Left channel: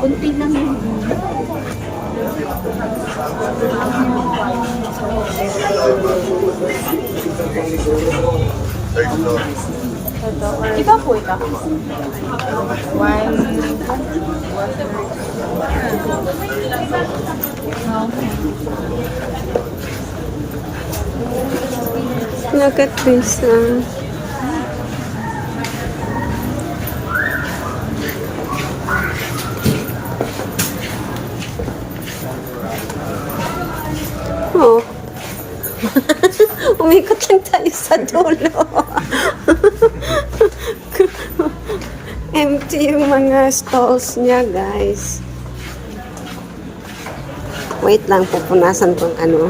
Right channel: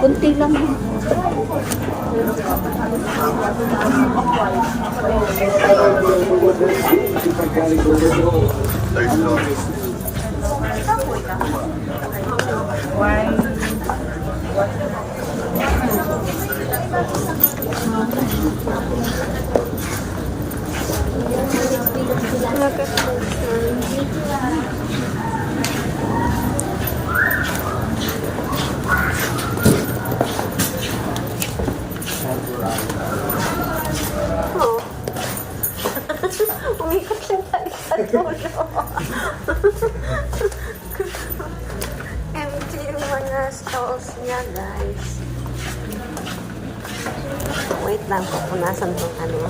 Kunti lang yun. Ikaw po, ikaw. One. Look at this. Oh. Umikot lang tayo sa dulo. Empty yung mga stalls niya, guys. Wait lang, pupunasan tong ano.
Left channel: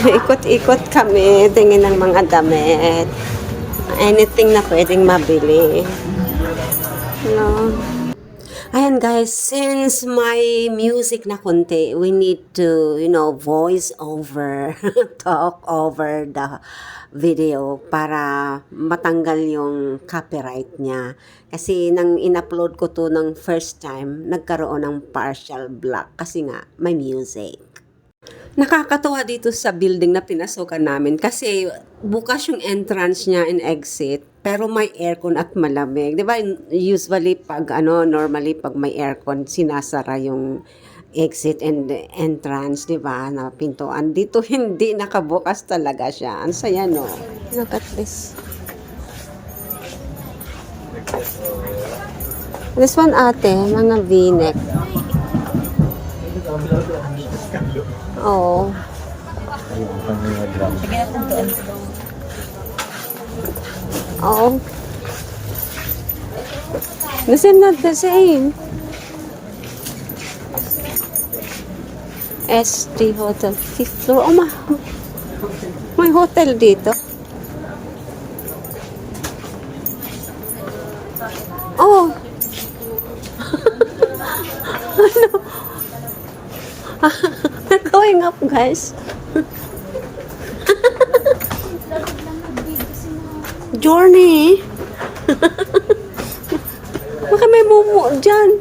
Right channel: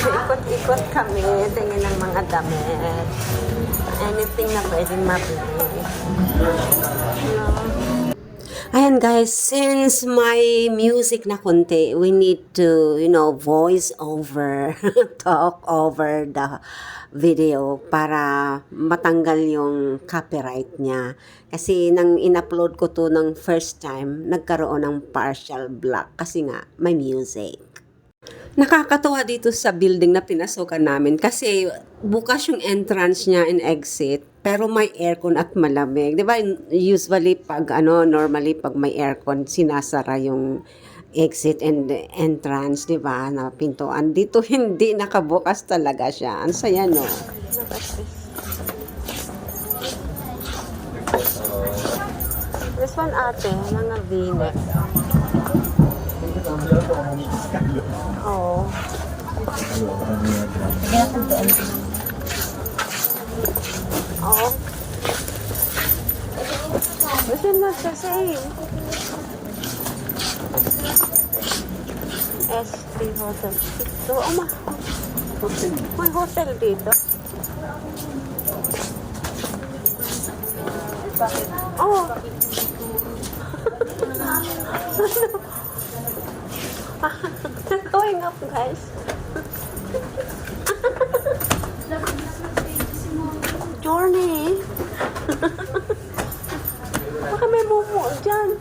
Ikot-ikot kami, tingin ng mga damit. Anything na pwedeng mabili. No. Ayan guys, since my music na konti, we need to, voice over, talk over the video para matanggal yung copyright niya. Kasi nang in-upload ko to ng first time, nagkaroon ng partial block kasi nga may music. Nakakatuwa dito sa building na pinasukan namin kasi bukas yung entrance niya and exit pero may aircon at malamig. 'Di ba? Usually normally pag may aircon sinasara yung exit and entrance, 'di ba? Na pintuan. Dito hindi nakabukas talaga siya. Ang saya no. Look at this. This one ate, mga V-neck. Oh. Sige akong doon. Oh. This is not the same. ST Hotel, 5th floor. Oh, may hotel dito. Oh. We're going up, guys. Journey. Baka may mumu dyan.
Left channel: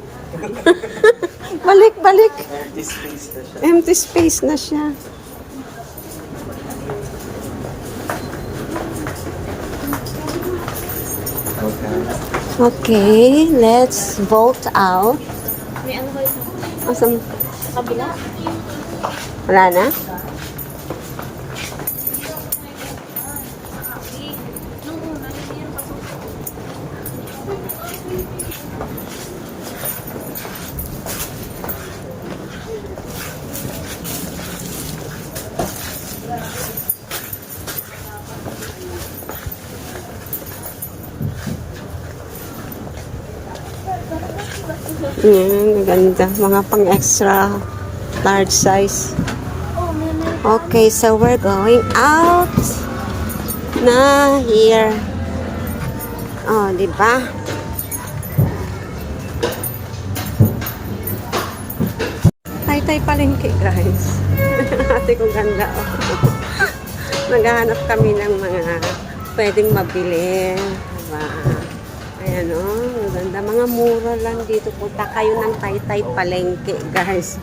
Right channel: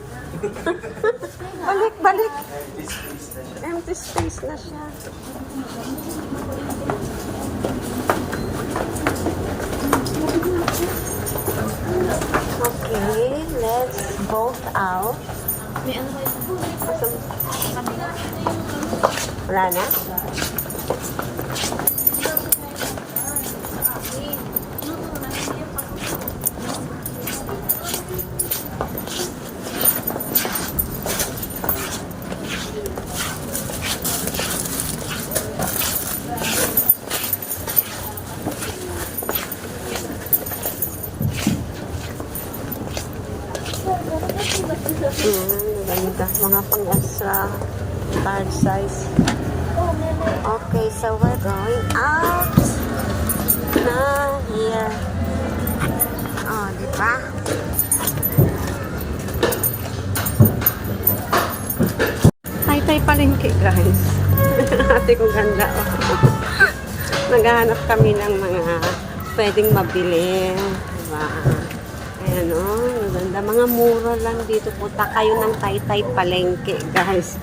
Balik. Empty space na siya. Okay, let's vote out. May ano kayo sa kabila? Wala na? Yan, ganda. Mga pang extra large size. Okay, so we're going out na here. Oh, di ba? Tay-tay palengke, guys. Ate ko ganda, oh. Naghahanap kami ng mga pwedeng mabili. Diba? Ayan, oh. Ganda. Mga mura lang dito. Punta kayo ng tay-tay palengke, guys.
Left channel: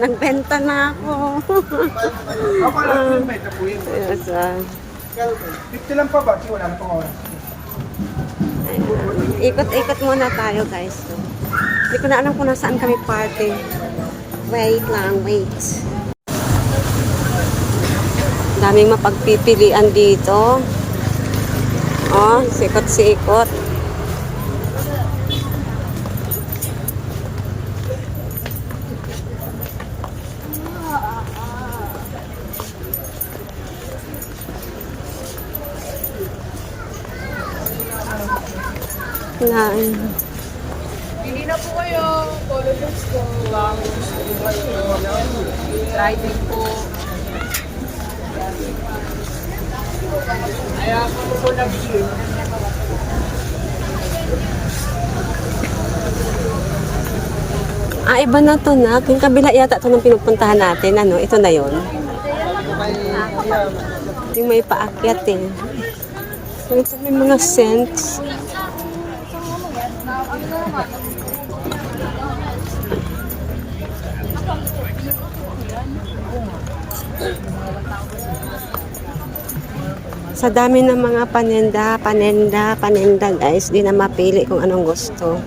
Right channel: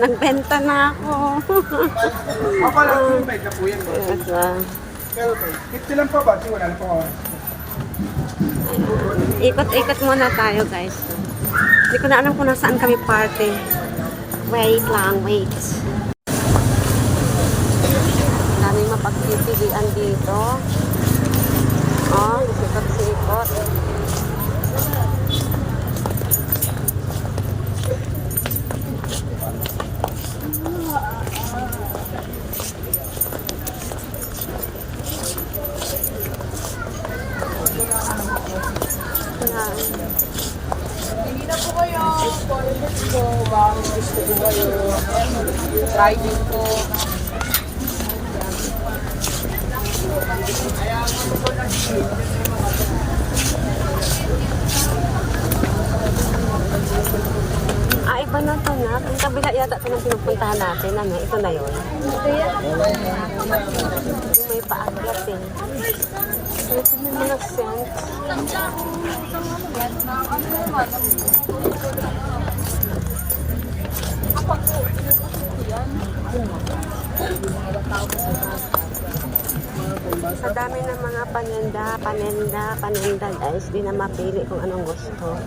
Nagbenta na ako. Ako lang may kapuyan. Ito. Pero 50 lang pa ba? Wala na pa. Ikot-ikot muna tayo, guys. So, hindi ko na alam kung nasaan kami party. Wait lang, wait. Daming mapagpipilian dito. Oh, sikot-sikot. Pili na po kayo. Follow this po. Baka may gusto po kayo. Try din po. Ayan, gusto po natin. Ah, iba na to na. Yung kabila yata ito nung pinupuntahan natin. Ano, ito na yun. Yung may paakyat eh. Ito may mga scents. Sa dami ng mga panenda guys, di na mapili kung anong gusto.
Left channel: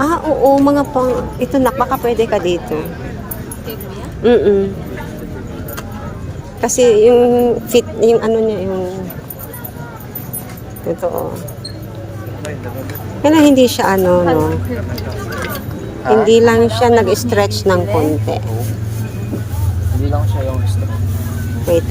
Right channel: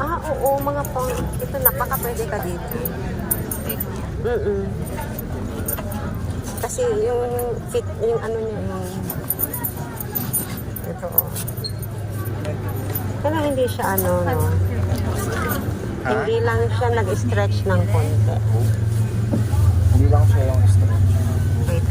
Ah, oo, mga pang, ito nak, baka pwede ka dito. Kasi yung fit, yung ano niya, yung, ito oh. Kaya hindi siya ano, no. Hindi lang siya nag-stretch ng konti. Hindi lang siya yung Wait